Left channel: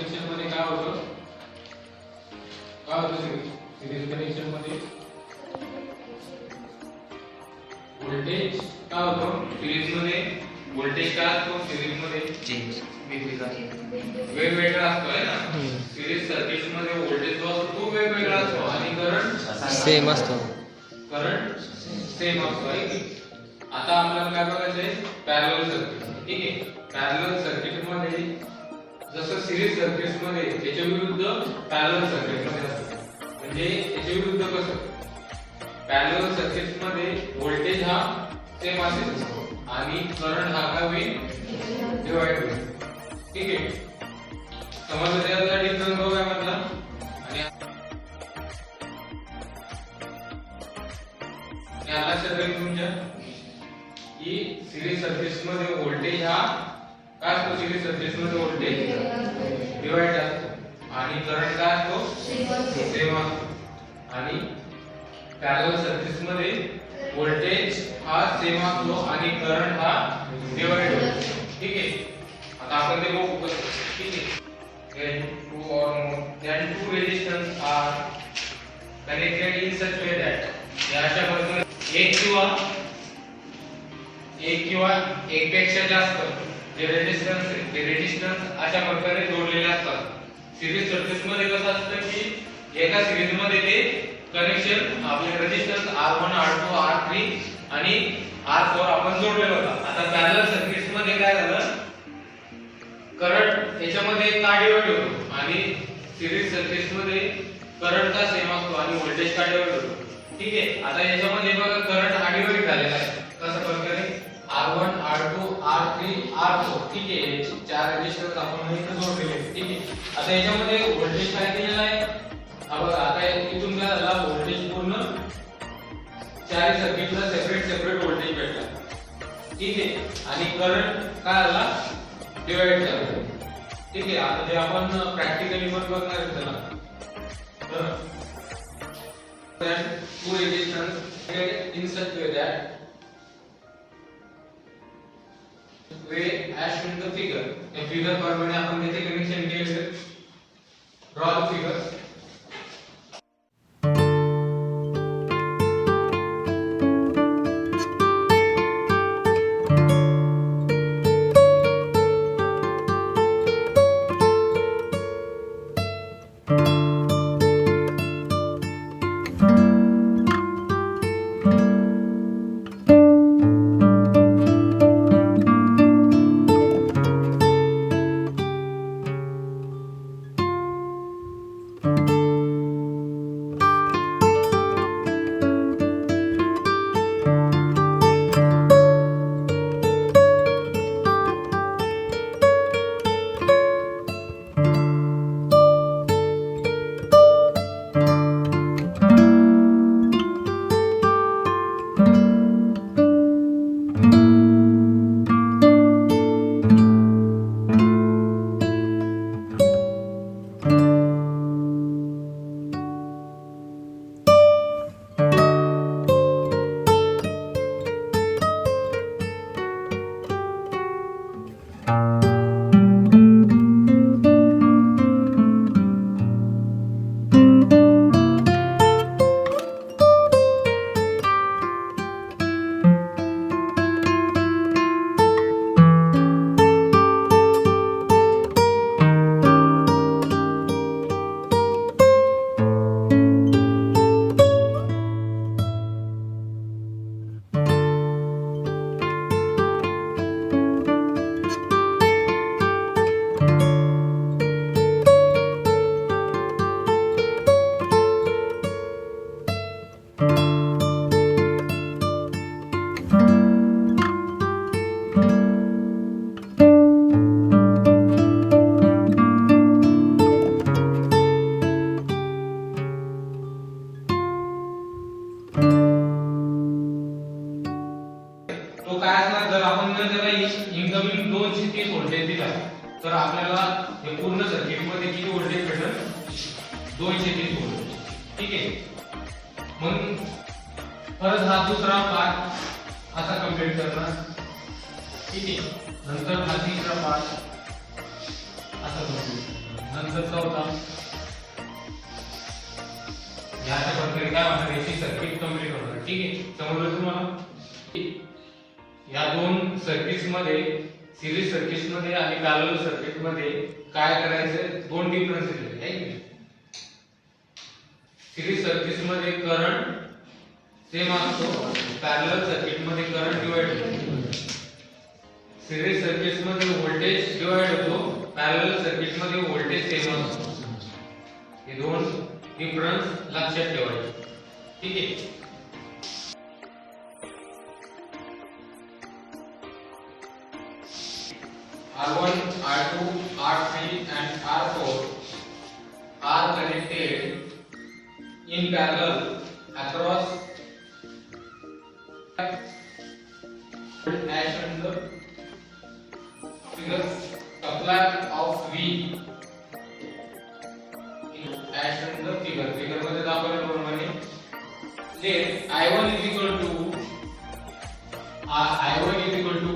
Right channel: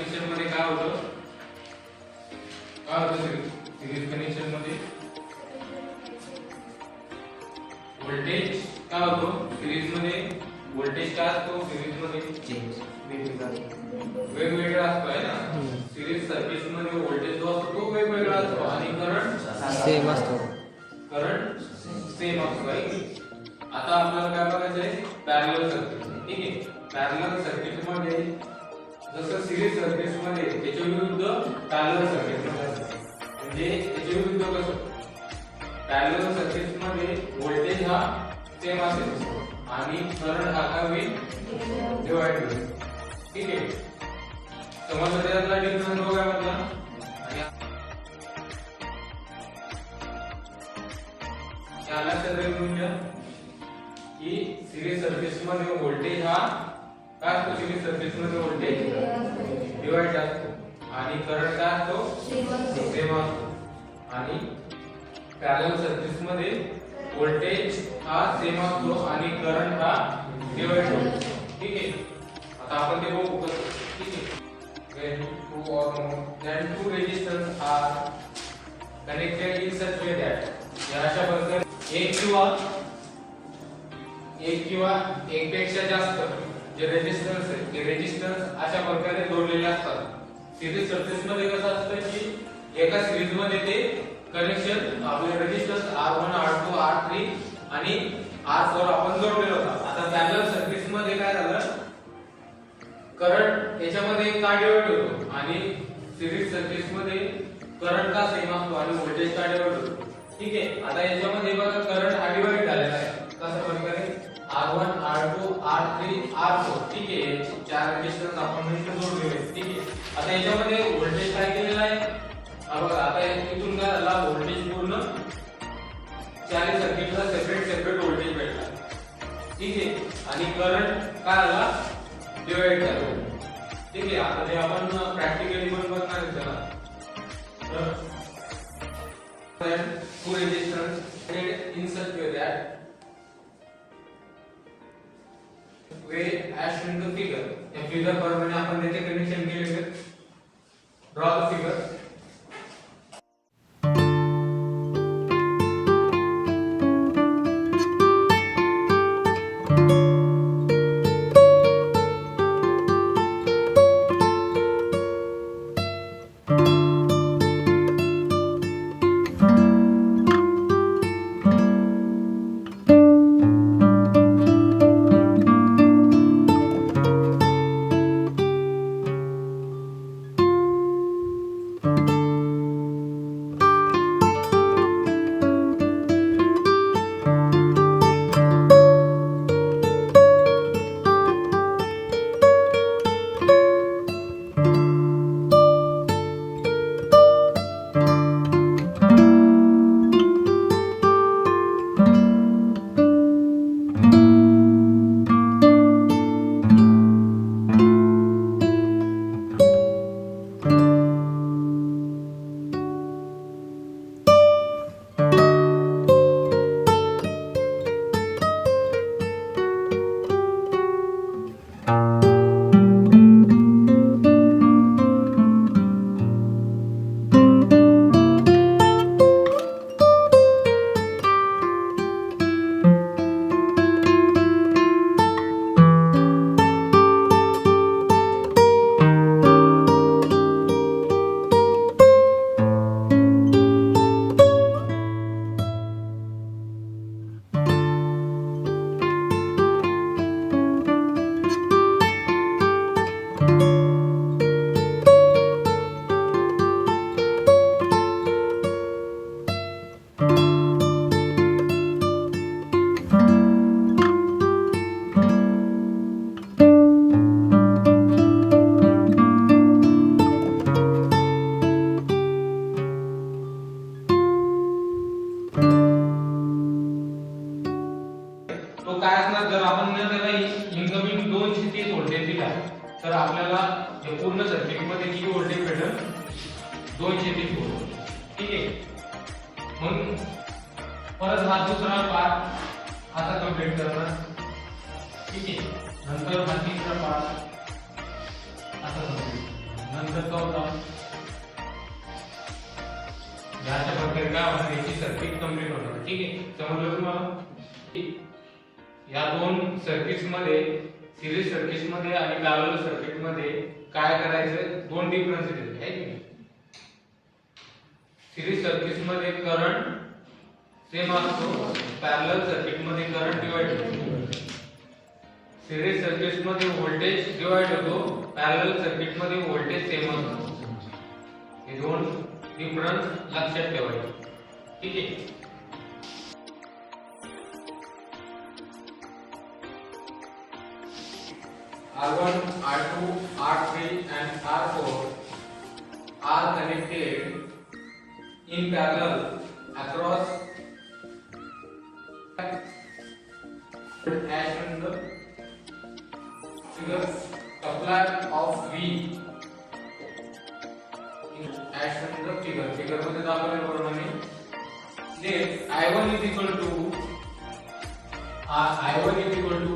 Connection मध्ये काय होतं सिरीज कनेक्शन मध्ये व्होल्टेज काय होतो सिरीज मध्ये व्होल्टेज काय असतो सिरीज मध्ये चेंज वेगवेगळा असतो आहे ना सिरीज सर्किट मध्ये व्होल्टेज जो असतो तो वेगवेगळा असतो आणि करंट सेम असतो करंट सेम असतो आहे की आता आपल्याला काय बघायचंय पॅरलल सर्किट ठीक आहे पॅरलल सर्किट मध्ये जसं सिरीज सर्किट मध्ये त्याच्या विरुद्ध पॅरलल सर्किट मध्ये असतं म्हणजे त्याच्या विरुद्ध कसं पॅरलल सर्किट मध्ये व्होल्टेज हा सेम असेल आणि करंट हा काय होईल डिवाइड होईल ठीक आहे समजलं त्याचा डिफरन्स बघूया म्हटला आणि या लक्षात येईल तुमच्या की सिरीज सर्किट्स मध्ये व्होल्टेज हा काय असतो सिरीज सर्किट्स मध्ये व्होल्टेज डिवाइड असतो आणि करंट काय असतो सेम असतो आणि पॅरलल सर्किट्स मध्ये व्होल्टेज हा सेम असतो आणि करंट हा डिवाइड होतो ठीक आहे आता आपण ते बघू कसं ठीक आहे when two resistors are connected in such way that या अशा प्रकारे एक किंवा एक पेक्षा जास्त जे रेजिस्टन्स आहे ते रेजिस्टन्स अशा प्रकारे जोडलेले असतात सिरीज सर्किट मध्ये कसं असतं की एका सिरीज मध्ये ते कनेक्शन आपले रेजिस्टन्स R1 R2 R3 आणि R4 आपण जोडलेलं होतं आता पॅरलल सर्किट्स मध्ये काय झालं करंट याच्यामध्ये का डिवाइड होतो आणि सिरीज सर्किट्स मध्ये करंट का सेम असतो आणि व्होल्टेज का डिवाइड होतो ठीक आहे आता याच्यामध्ये बघा करंट हा डिवाइड झालेला आहे कशा प्रकारे R1 R2 R3 R4 ठीक आहे याचे चार रेजिस्टन्स आपण इथे जोडलेले आहेत ठीक आहे आता याच्यामध्ये व्होल्टेज काय दिलेला आहे आता इथून काय झाला व्होल्टेज पूर्ण चार सर्किटला सेपरेट व्होल्टेज भेटला ठीक आहे आणि करंट काय झाला डिवाइड झाला ठीक आहे आता ते आपण प्रॅक्टिकली पण बघणार आहे त्याला तर two resistance in such way that way as in the figure या फिगर प्रमाणे आपण त्याचे कनेक्शन केले ड्रॉ द फिगर तर आपल्याला हे पूर्ण सर्किट मध्ये किती व्होल्टेज भेटेल 230 व्होल्ट. ठीक आहे. मग परत हा दुसरा पार्ट असा कंप्लीट करणार. ठीक आहे. नंतर हा तिसरा पार्ट असा कंप्लीट. नंतरचा होता याच्या प्रकारे काय होणार याची सर्किट कंप्लीट होणार. ठीक आहे, समजलं तुम्हाला? या दोन सर्किट्स मध्ये सिरीज सर्किट्स मध्ये आणि पॅरलल सर्किट मध्ये काय करायचं, दोन डिफरन्सेस आहेत है की. सिरीज सर्किट्स मध्ये करंट सेम असतो, पॅरलल सर्किट मध्ये करंट डिवाइड होतो. सिरीज सर्किट्स मध्ये व्होल्टेज डिवाइड होतो, पॅरलल सर्किट मध्ये व्होल्टेज सेम असतो. हे दोन डिफरन्स लक्षात ठेवायचे. ठीक आहे. R1, R2, R3 and R4 are connected in parallel across as in the figure. Supply of V as in the figure. Figure मध्ये दाखवल्याप्रमाणे let I1 is equal to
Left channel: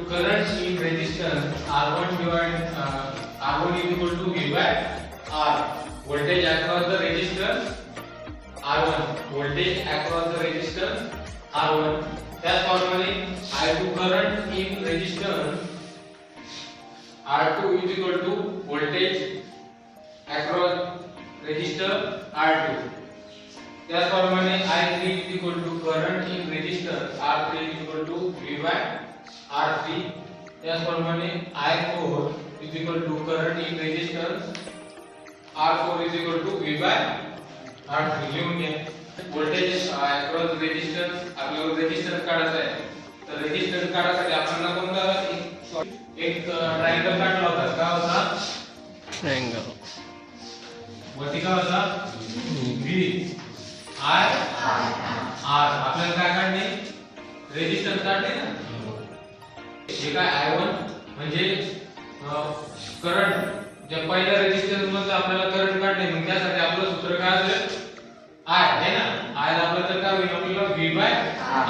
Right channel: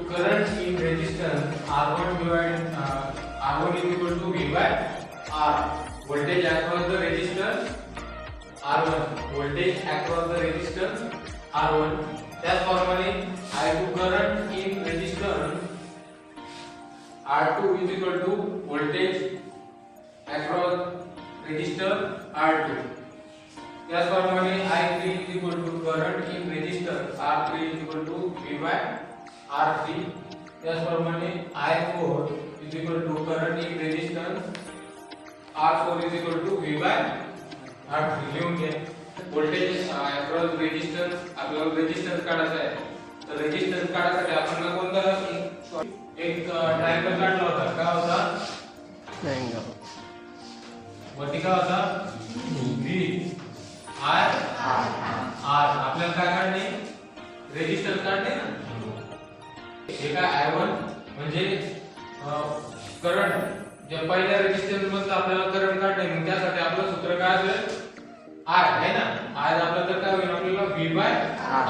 current in resistance R1 divided R1 is equal to V by R. Voltage across the resistance R1. Voltage across the resistance R1. त्याचप्रमाणे I2 current in resistance R2 is equal to voltage across resistor R2. त्याचप्रमाणे I3 is equal to current in resistance R3 is equal to V by R3. त्याचप्रमाणे I4 is equal to current in resistance R4 is equal to V by R3. लिहून घ्या. Voltage across resistance, आपल्याला resistance काढायचा आहे. तर resistance काढायसाठी आपण कोणता एक ट्रायंगल काढला होता. काय होता? ट्रायंगल. वरती काय होता? V I R. आपल्याला काय काढणे? रेजिस्टन्स काढणे ना. हे काय I1 म्हणजे करंट, जे पहिल्या रेजिस्टन्स मध्ये आपल्याला करंट काढणे, मग त्यासाठी आपलं सूत्र काय असेल? I आहे ना. I आपलं तर काय होईल? आपल्याला V by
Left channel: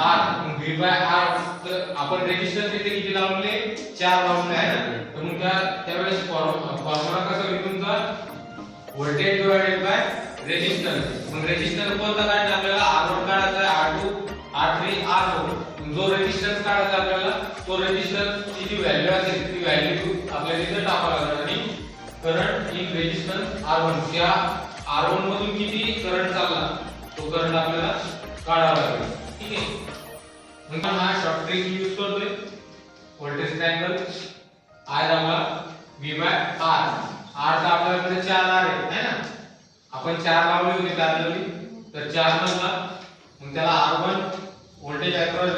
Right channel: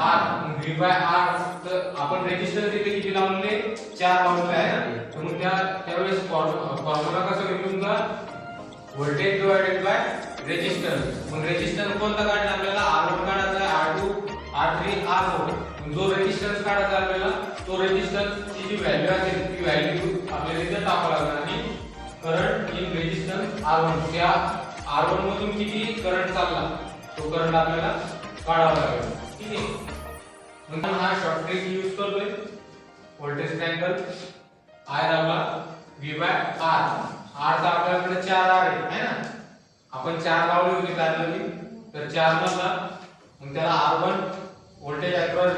R. मग V by R तर आपण रेजिस्टन्स इथे किती लावले? 4 लावले आहे ना. तर मग त्यावेळेस फॉर्म्युला कसा घेतो तुमचा? Voltage divided by resistance. मग रेजिस्टन्स कोणता काढणे आपल्याला? R1 काढायचा आहे, R2, R3, R4. जो रेजिस्टन्स काढायचा आपल्याला तो रेजिस्टन्स ची जी व्हॅल्यू असेल ती व्हॅल्यू आपल्याला इथे टाकावी लागणार. आणि करंट इन रेजिस्टन्स R1, त्या R1 मधून किती करंट चालला तो करंट आपल्याला काढावा लागेल. ठीक आहे. मग हा शॉर्ट ट्रिक यूज करतोय. व्होल्टेज ट्रायंगल I दाबला V by R. R चा आपल्याकडे 4 R आहे ना. आपण 4 लावले होते पॅरलली, तर 4 मधला मग त्याला R1 voltage across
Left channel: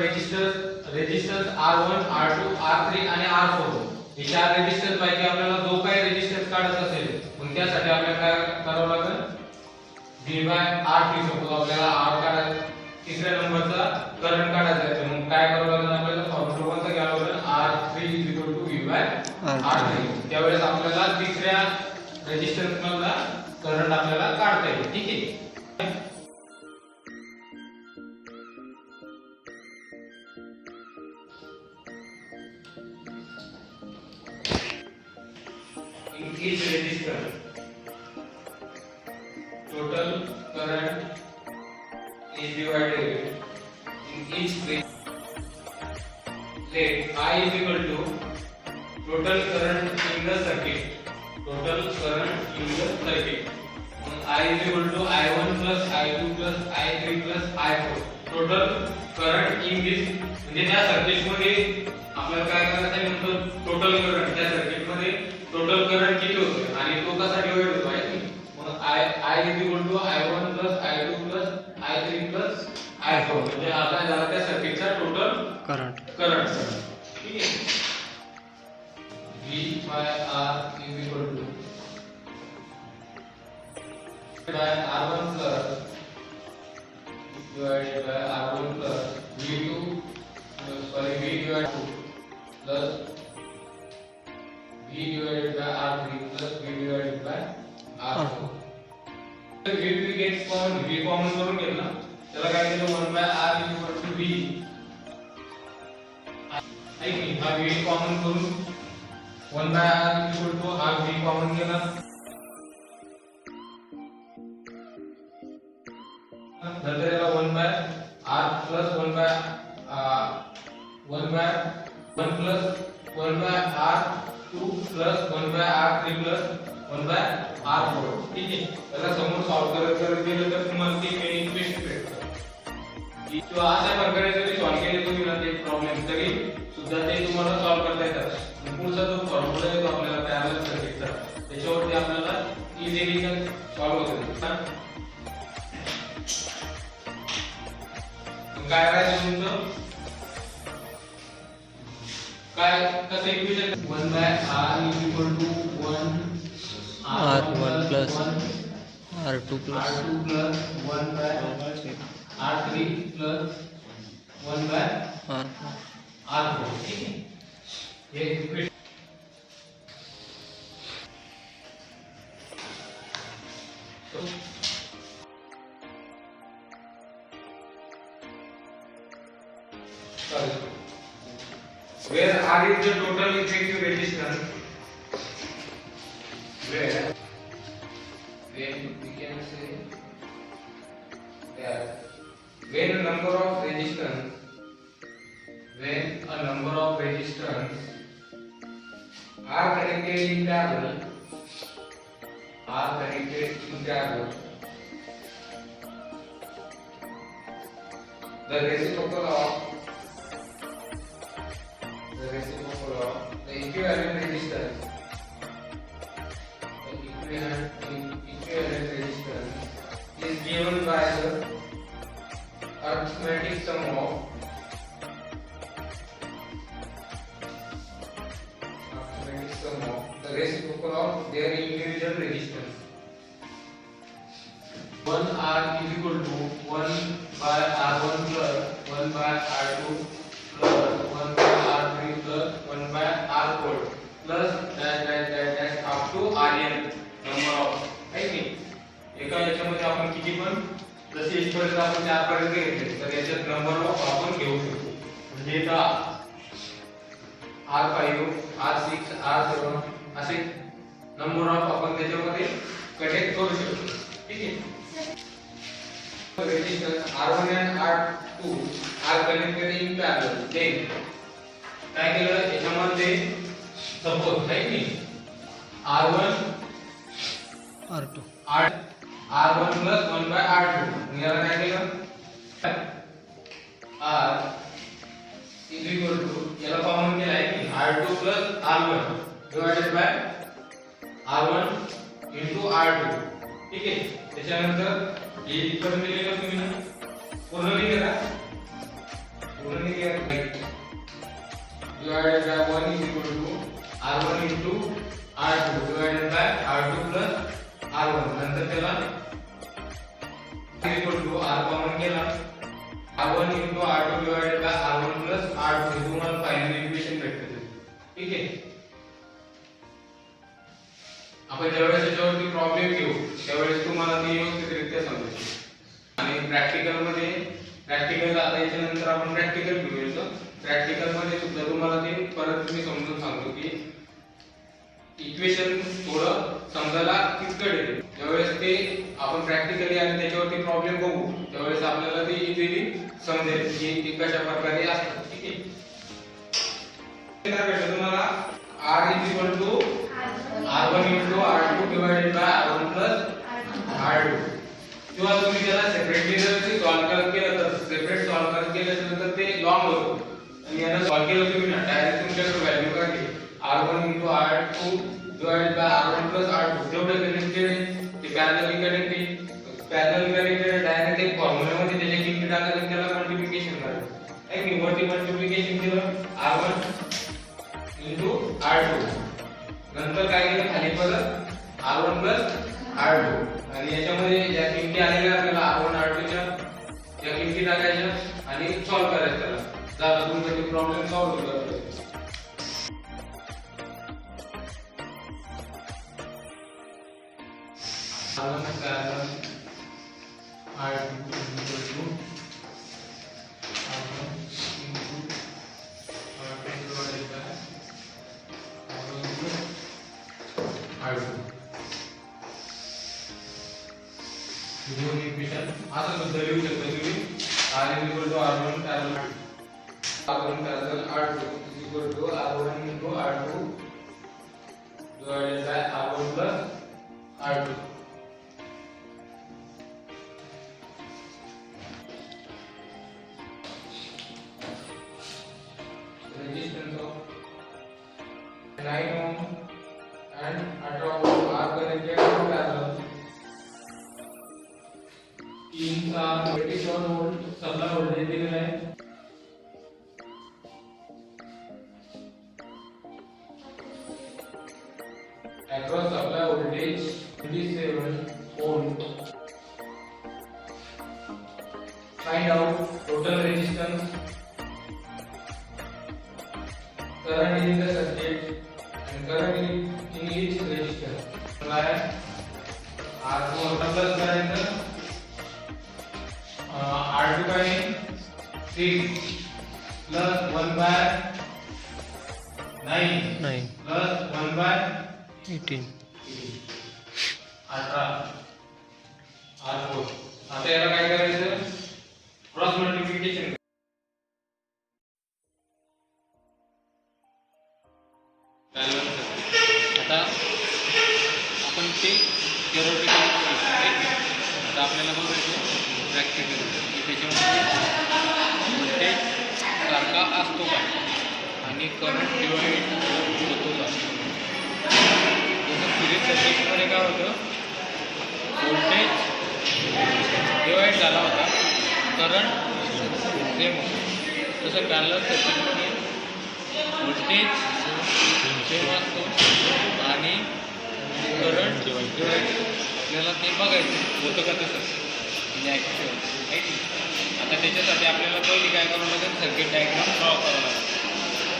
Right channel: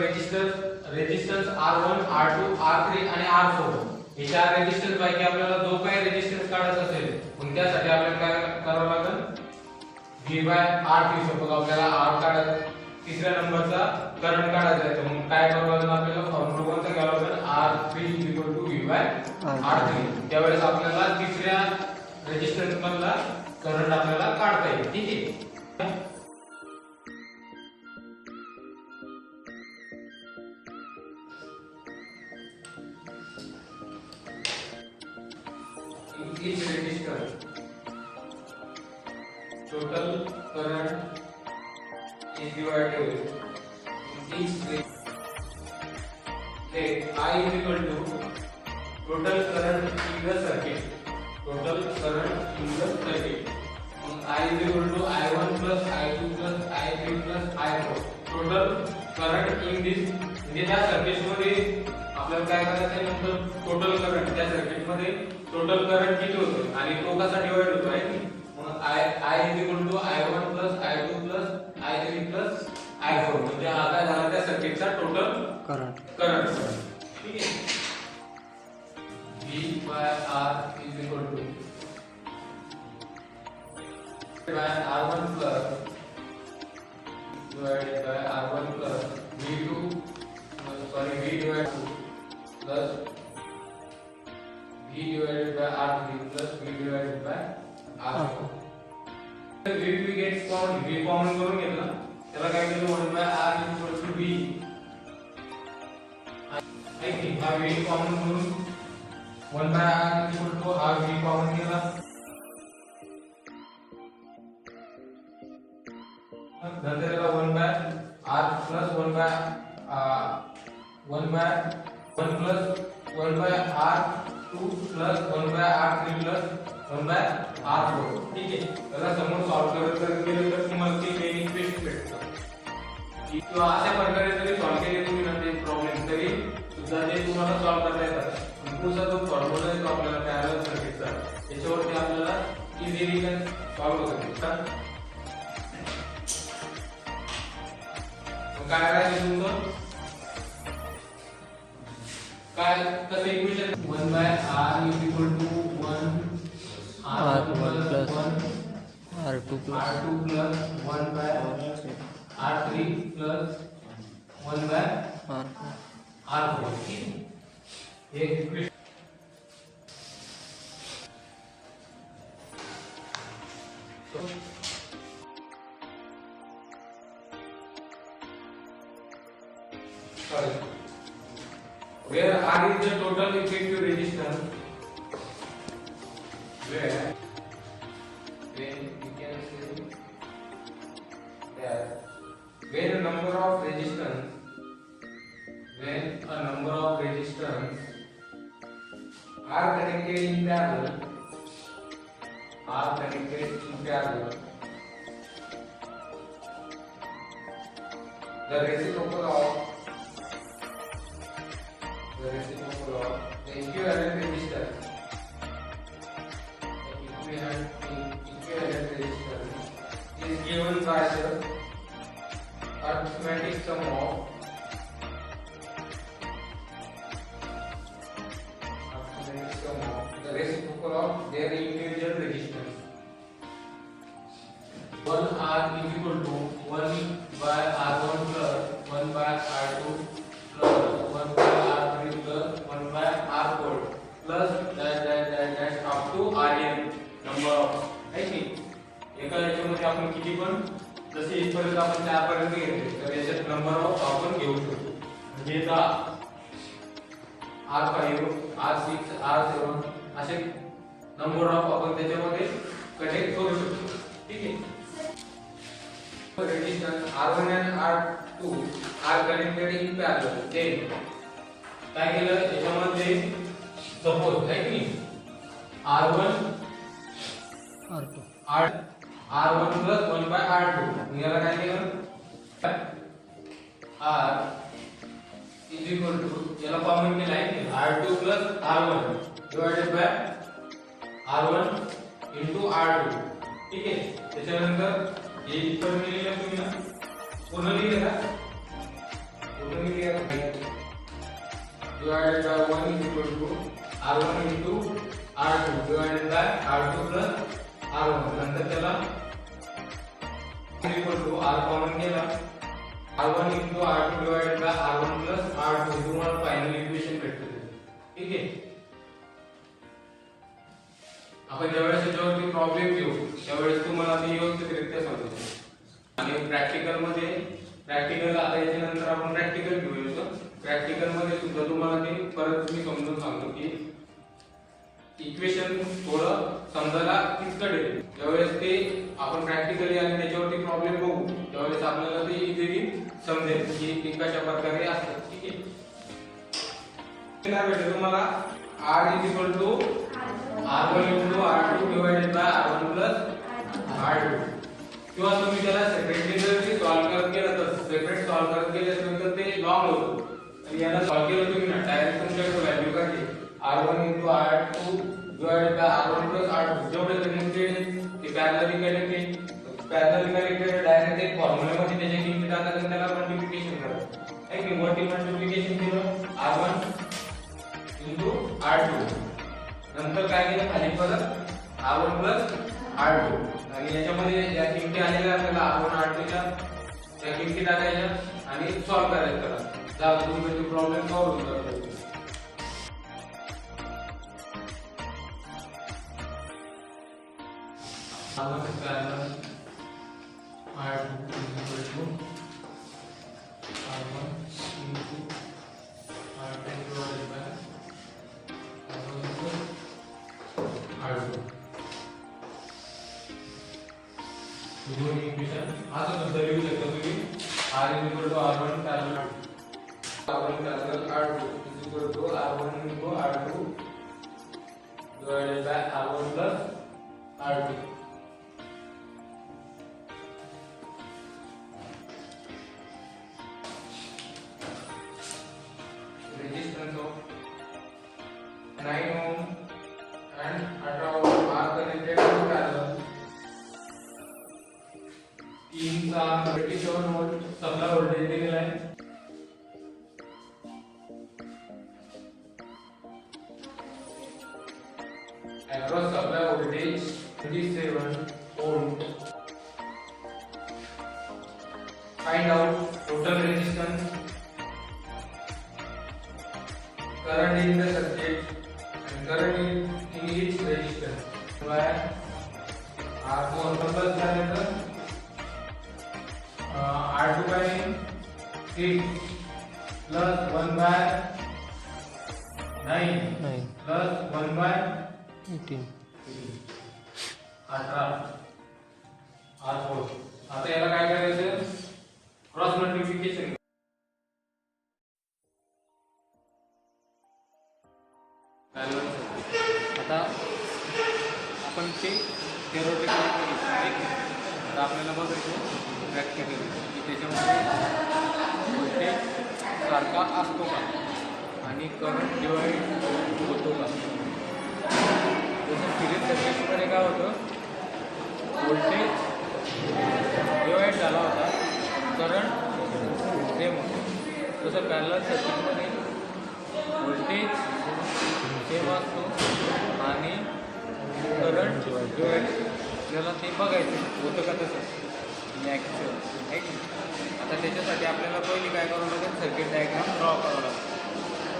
resistance R1, R2, R3 आणि R4 हे 4 रेजिस्टन्स पैकी आपल्याला जो काही रेजिस्टन्स काढायचा असेल मग त्यासाठी आपल्याला काय करावं लागेल? V by R3. सपोज आपल्याला R काढायचा, तिसऱ्या नंबरचा करंट काढायचा आहे, तर मग काय करावं लागेल? आपल्याला फॉर्म्युला कोणता घ्यावा लागेल? R3 V by R3. त्यावेळेस आपल्याला तिसऱ्या रेजिस्टन्स मधला करंट आपल्याला काढता येईल. ठीक आहे. In each resistor, total current is divided in each resistor. Let I is equal to total current in the circuit. Total current in the circuit. I is equal to I1 plus I2 plus I3 plus I4. Total current in this म्हणजे त्या circuit मध्ये आपल्याला काय करायचं आहे? म्हणजे total current त्या circuit मध्ये टोटल करंट किती होतो आणि तो कसा डिवाइड होतो आहे की. मग I is equal to I1 plus I2 plus I3 plus I4 म्हणजे हा काय झाला? त्या सर्किटचा टोटल करंट. ठीक आहे. V by R is equal to by R1 plus divided by R1 plus V2 V divided 2 plus V divided by R3 plus V divided by R4. तर V gets common, V common करून घेतला, त्याला काय केलं? 1 by R is equal to V. ऐक हा V common करून 1 by R is equal to हा V कॉमन केला नंतर याला 1 by r plus 1 by 1 by 1 plus 1 by r2 plus 1 by r3 plus 1 by r4. ठीक आहे. त्याला समोर सॉल्व्ह करत गेलं तर तुम्हाला ते मेन इक्वेशन भेटतं. किंवा अशा प्रकारे जरी सॉल्व्ह केले तुम्ही ना ते प्रॉब्लेम तरी सुद्धा ते तुम्हाला सॉल्व्ह करता येतात. पुढचा जो फॉर्म्युला आहे तो आपल्याला पॅरलल सर्किटचा त्याच्यावरती आपल्याला इझिली सॉल्व्ह होतं. काय राहिलं तुमचं काय कसं equation 1 by r is equal to 1 r1 plus r2 plus 1 by r3 plus 1 by r4. ठीक आहे. ये equation where R is the total effective resistance, where then we can say that when a number of resistance are connected in parallel, the reciprocal of the equivalent resistance is given by the arithmetic sum of the reciprocal of their individual resistance. 1 R is equal to 1 by R1 plus 1 by R2 plus 1 by R3 plus 1 by R4 plus dash up to Rn number of. है की एका याच्यामध्ये आपण किती पण जसे इथपर्यंत आपण त्यापर्यंत घेतले तर याच्यात नंबर ऑफ आपण घेऊ शकतो. म्हणजे आता R5 R6 R7 असे नंबर ऑफ आपण त्याच्यामध्ये कनेक्ट करू शकतो. ठीक आहे. Resistance R1 and R2 are connected in parallel. Then काय केलं याच्यामध्ये सपोज आहे की R1 R2 R1 plus 1 by R2 याला काय केलं R is equal to याला कॉमन केलं आहे की R2 plus R1 divided by R1 into R2. ठीक आहे. त्याच्यानंतर हे इक्वल केलेलं तुम्ही ना पूर्ण लिहिलं divided by 1 is equal to R1 into R2 divided by R2 plus R1. नंतर त्याला is equal to R common केला R1 into R2 divided by R1 plus R2 तुम्हाला फायनल इक्वेशन भेटते. ठीक आहे. आपण जेवढ्या याच्यावरती प्रॉब्लेम घेऊ त्यावेळेस तुम्हाला ते व्यवस्थितरित्या समजेल. आणि प्रॅक्टिकल आता याच्यानंतर आपण प्रॅक्टिकल घेऊया. प्रॅक्टिकल मध्ये सुद्धा तुम्हाला ते परत मी समजून सांगतो की इक्वेशन थोडं समजायला किचकट येते. ज्यावेळेस ते आपण प्रॅक्टिकली आणि त्याच्यावरती प्रॉब्लेम बघू त्यावेळेस आपल्याला ते इझिली समजेल की ते कशा प्रकारे असतात. ठीक आहे. काय भेटलं तुम्हाला R is equal to R1 into R2 divided by R1 plus R2. किंवा तुम्ही त्याला सेपरेटली जर सॉल्व्ह केलं तर सेपरेट सॉल्व्ह केल्यानंतर ते लॉंग होतं आणि याला सॉल्व्ह केलं तुम्ही ना डायरेक्ट तुमच्याकडे व्हॅल्यू काढली R1 into R2 divided by R1 plus R2 जेवढे कनेक्टेड ते पॅरलली कनेक्टेड डायरेक्ट एक फॉर्म्युला मध्ये त्याच्या किमती टाकायला त्याला मल्टिप्लिकेशन करायचं आहे की वरती मल्टिप्लिकेशन केलं R1 into R2 नंतर काय केलं खाली परत R1 plus R2 आणि याच्यामध्ये ज्या किमती आलेल्या आपल्याला R1 R2 च्या त्या किमती टाकायच्या आणि सॉल्व्ह करायचं त्याला. जर तुम्ही तो प्रॉब्लेम सॉल्व्ह करतो दोन इक्वेशन असं सुद्धा लिहू शकता तुम्ही. R equal to R1 parallel R1 parallel R2 equal to R1 into R2 divided by R1 plus R2. Resistance of 9 ohm and 18 ohm are connected in parallel. 3 का 37 वोल्ट सप्लाई वोल्टेज दिलेला आहे. Across supply voltage 27 volt. Find out total resistance, current in the circuit and current in each resistor. R2 plus करायचं R2 by 6 plus 1 by 9 plus 1 by 18. 18 R4. आता याला काय करायचं, cross multiplication. आता आपण ते थिअरॉटिकल आता आपल्याला बघायचं प्रॅक्टिकल त्याच्यामध्ये व्होल्टेज सारखा असतो का आणि करंट डिवाइड होतो का. जसं सिरीज सर्किटमध्ये काय होतं, व्होल्टेज डिवाइड झाला होता, करंट सेम होतं. तसं पॅरलल सर्किटमध्ये व्होल्टेज सेम असतो आणि करंट डिवाइड. आपल्याला ते बघायचं होतं का तसं ॲक्च्युअल आहे. आता त्याच्यासाठी आपल्याला पहिली काय करावं लागेल, सर्किट डायग्राम ड्रॉ करावं लागेल.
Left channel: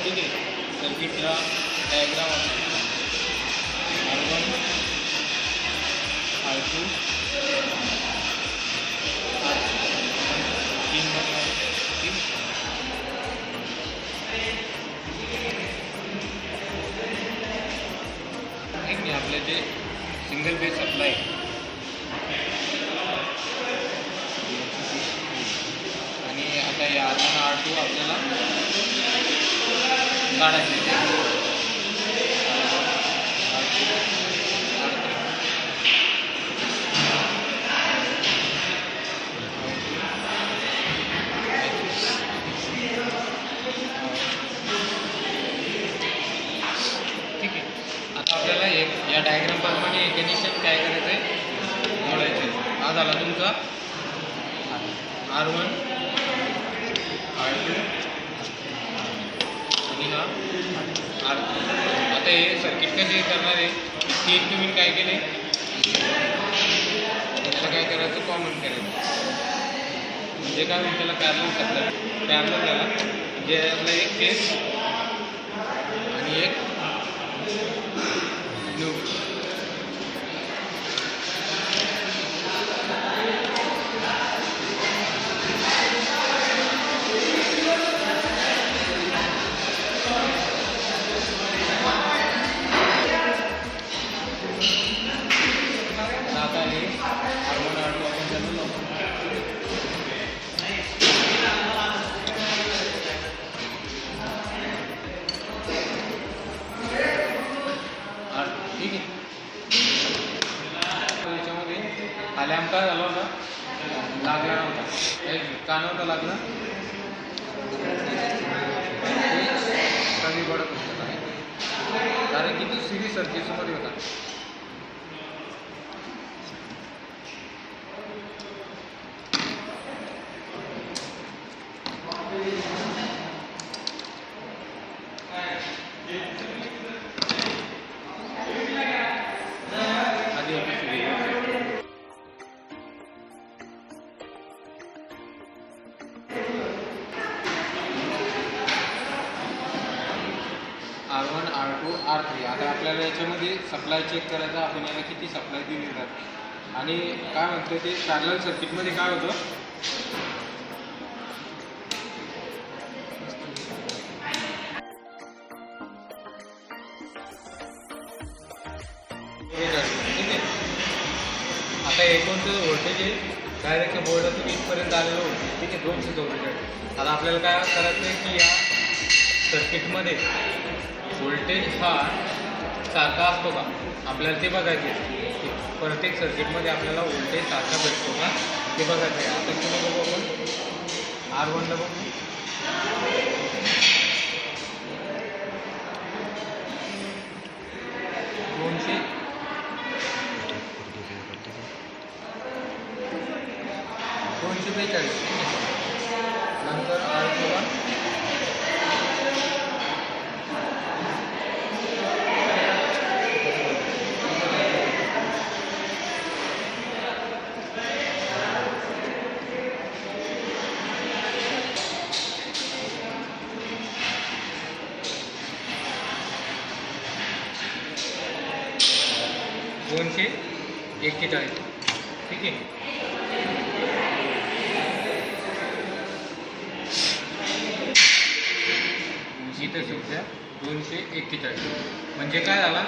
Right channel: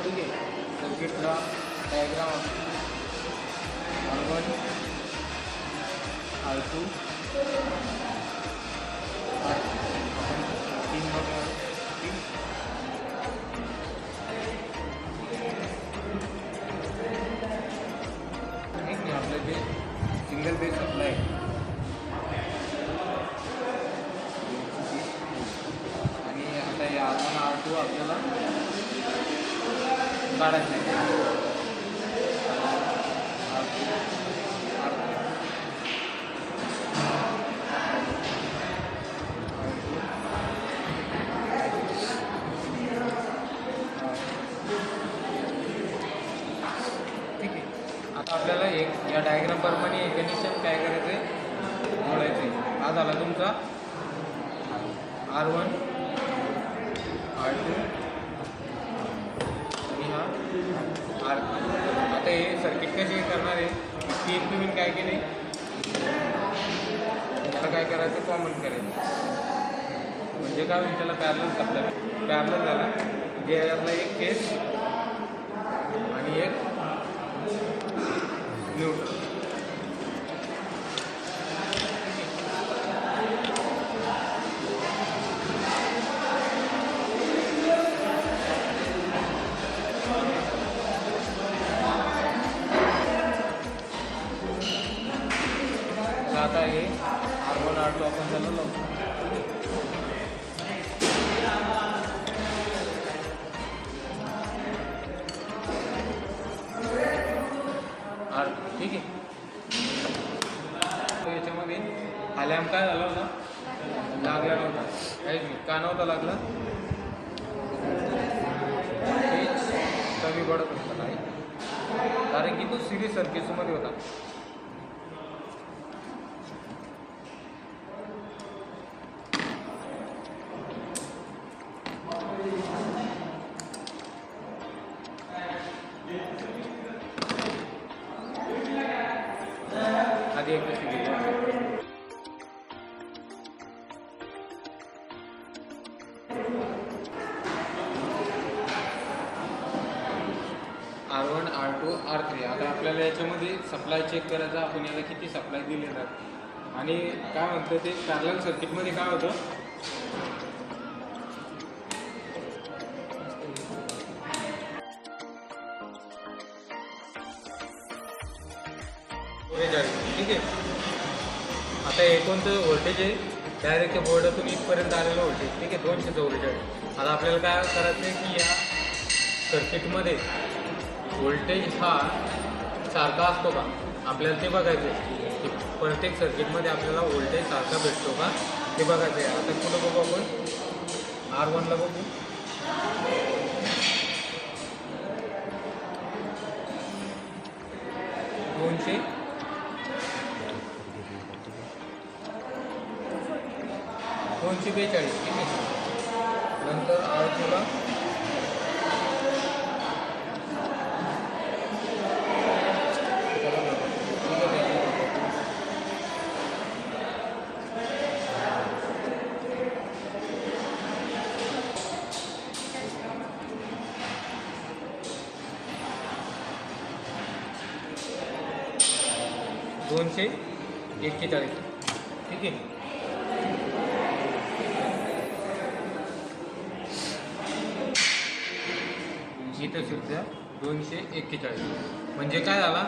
ठीक आहे, सर्किटला डायग्राम R1 R2 आपण 3 बघणार. ठीक, एक नाही आपले ते सिंगल बेस सप्लाय आणि आता हे R1 R2 आपल्याला काढायचे. ठीक आहे, आता आपल्याला एक या डायग्राम प्रमाणे हे कनेक्शन काय करायचं आहे, जोडायचं आहे. हा झाला तुमचा R1 R2 आणि हा R3. आता हे सर्किट कसे करणार आहे, तीन तुम्ही काय केले, त्याला काय करायचं, कॉमन करायचं. म्हणजे काय होईल, त्याला पॅरलल सप्लाय पॅरलल झाला. जे आपला एक केस आणि एक न्यूट्रल. आता हे R1 R2 आपण त्याला लावतो. ठीक आहे, याच्यामध्ये आल्याम काय झाला होता, लागला नव्हता. का नव्हता लागला, कमी पडत होता नाही, कारण की तो सिरीज सर्किटमध्ये होता. R1 R2 R3. आता आपल्याला याच्यामध्ये सप्लाय चेक करायचा, आपण याला किती सप्लाय दिली जात आणि काय म्हणतं ते पॅरलल सर्किटमध्ये काय होतं, ठीक आहे. आता हे कोणतं व्होल्टेज आहे, डायरेक्ट बोर्डातून इथपर्यंत आलेलं व्होल्टेज, ठीक आहे, 244. आता आपल्याला काय करायचं आहे की या सर्किटमध्ये व्होल्टेज हा सारखा असतो का आपल्याला ते बघायचे आहे. प्रत्येक सर्किटमध्ये आपल्याला व्होल्टेज सारखा भेटतो का ते बघायचं आहे. आता कुठं बघू आपण, R1ला बघू. दोनशे 42. नंतर R2ला 241. ठीक आहे. इथं सुद्धा 241. म्हणजे काय झाला,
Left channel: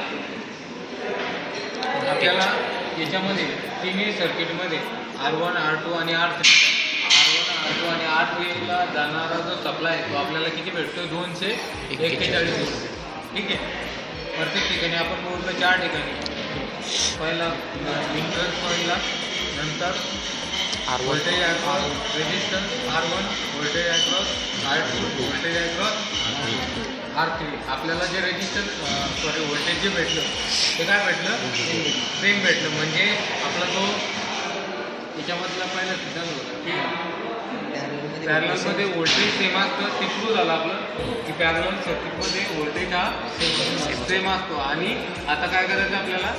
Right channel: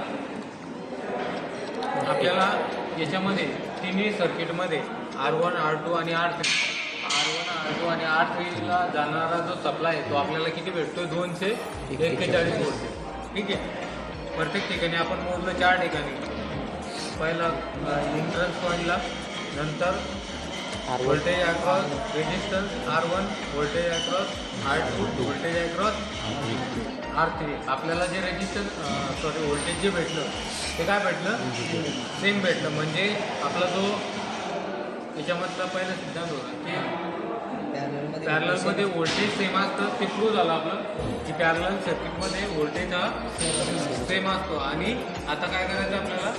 आपल्याला याच्यामध्ये तिन्ही सर्किटमध्ये R1, R2 आणि R3, R1, R2 आणि R3ला जाणारा जो सप्लाय आहे तो आपल्याला किती भेटतो, 241 व्होल्ट. ठीक आहे. प्रत्येक ठिकाणी आपण मोजलं 4 ठिकाणी. पहिला इंटरन्स पॉईंटला, नंतर voltage across resistance R1, voltage across R2, voltage across R3. आपल्याला जे व्होल्टेज जे भेटलं ते काय भेटलं, सेम भेटलं. म्हणजे आपला जो याच्यामधला पहिला सिद्धांत होता की पॅरललमध्ये व्होल्टेज सेम असतं, ते प्रूव्ह झालं आपलं की पॅरलल सर्किटमध्ये व्होल्टेज हा सेम असतो. आणि आता काय करायचं आपल्याला,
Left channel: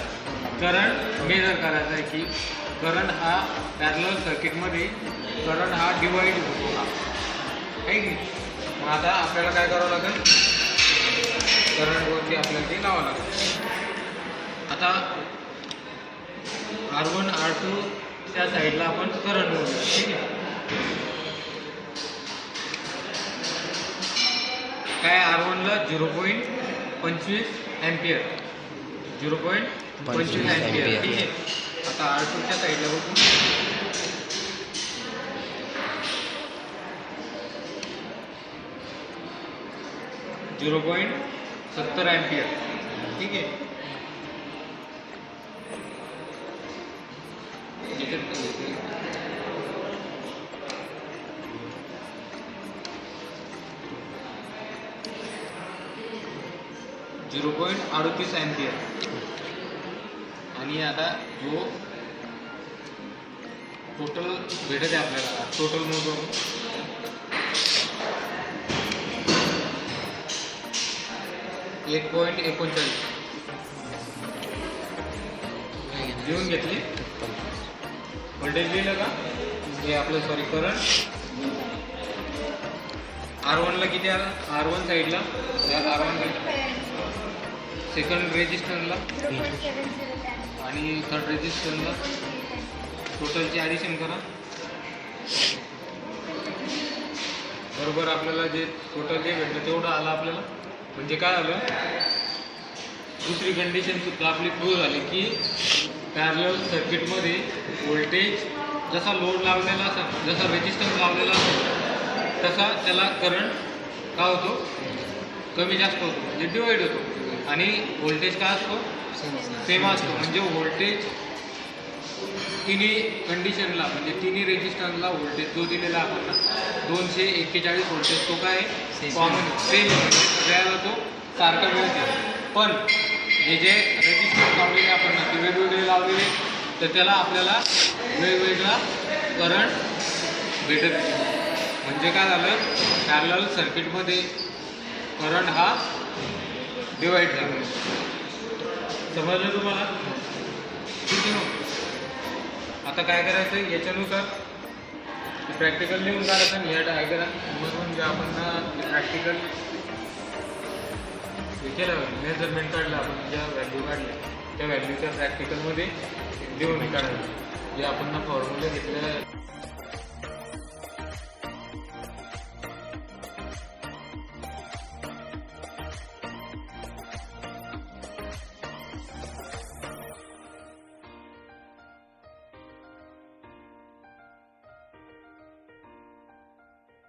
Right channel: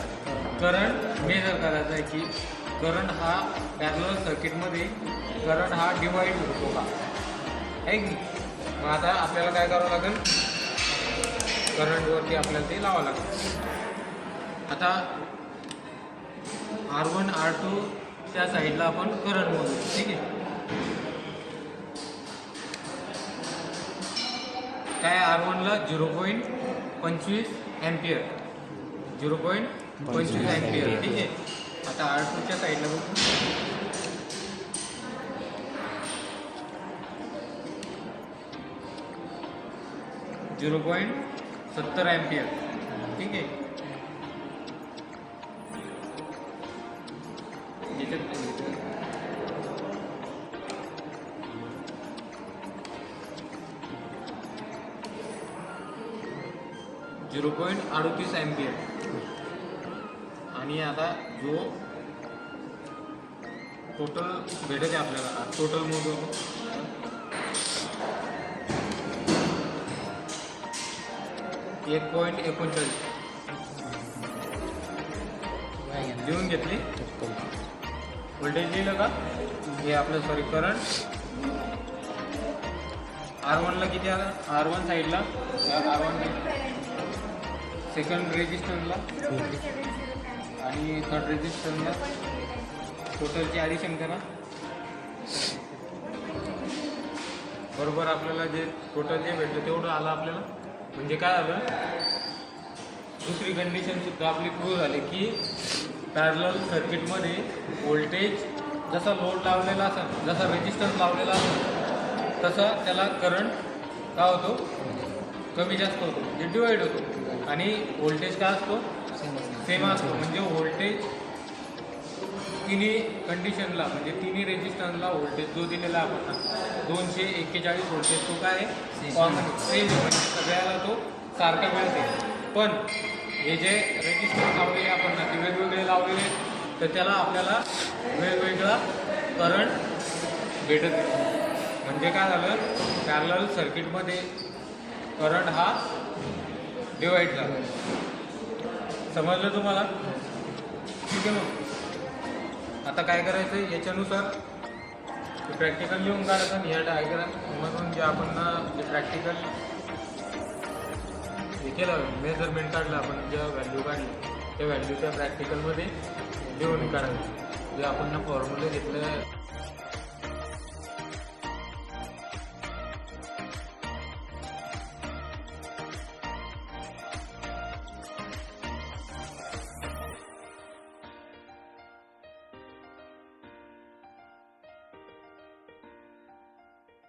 करंट मेजर करायचा आहे की करंट हा पॅरलल सर्किटमध्ये करंट हा डिवाईड होतो का, आहे की. मग आता आपल्याला काय करावं लागेल, करंटवरती आपल्याला ते लावावं लागेल. आता R1, R2 त्या साईडला आपण करंट मोजू. ठीक आहे. काय R1ला 0.25 अँपियर, 0.25 अँपियर. ठीक आहे. आता R2च्या साईडला बघू, 0.70 अँपियर. ठीक आहे. 0.38 अँपियर. आणि आता जो टोटल भेटत आहे आपल्याला, टोटल मोजू 1.39 लिहून घेतली. व्होल्टेज लिहिलं का, हे आपलं करंट R1ला किती आला, R1 साईडला, R1 सेकंड रेजिस्टन्सला आणि थर्ड रेजिस्टन्सला टोटलची ॲडिशन करा. बरोबर आपल्याला जे टोटल जे भेटलं तेवढं आलं आपल्याला. म्हणजे काय आलं, दुसरी कंडिशनसुद्धा आपली प्रूव्ह झाली की पॅरलल सर्किटमध्ये व्होल्टेज जसा लोड लावलेला असेल, जसा रेजिस्टन्स लावलेला असेल, तसा त्याला करंट काय होतो, कमी जास्त होतो, म्हणजे डिवाईड होतो. आणि व्होल्टेज काय असतो, सेम असतो. म्हणजे व्होल्टेज तिन्ही कंडिशनला, म्हणजे तिन्ही रेजिस्टन्सला व्होल्टेज जो दिलेला आपण 241 व्होल्टेज तो काय कॉमन सेम, म्हणजे सगळ्याला तो सारखा मिळते. पण हे जे रेजिस्टन्स लावलेले आपण ते वेगवेगळे लावलेले, तर त्याला आपल्याला वेगवेगळा करंट भेटत. म्हणजे काय झालं, पॅरलल सर्किटमध्ये करंट हा डिवाईड झाला. समजलं तुम्हाला? ठीक आहे. मग आता काय करायचं, याच्यानुसार प्रॅक्टिकल लिहून काढायचं. आणि या डायग्राममधून जे आपण प्रॅक्टिकल हे केलं, मेजरमेंट काढलं, आपण ज्या व्हॅल्यू काढल्या त्या व्हॅल्यूच्या प्रॅक्टिकलमध्ये लिहून काढायचं. जे आपण फॉर्म्युला घेतलेलं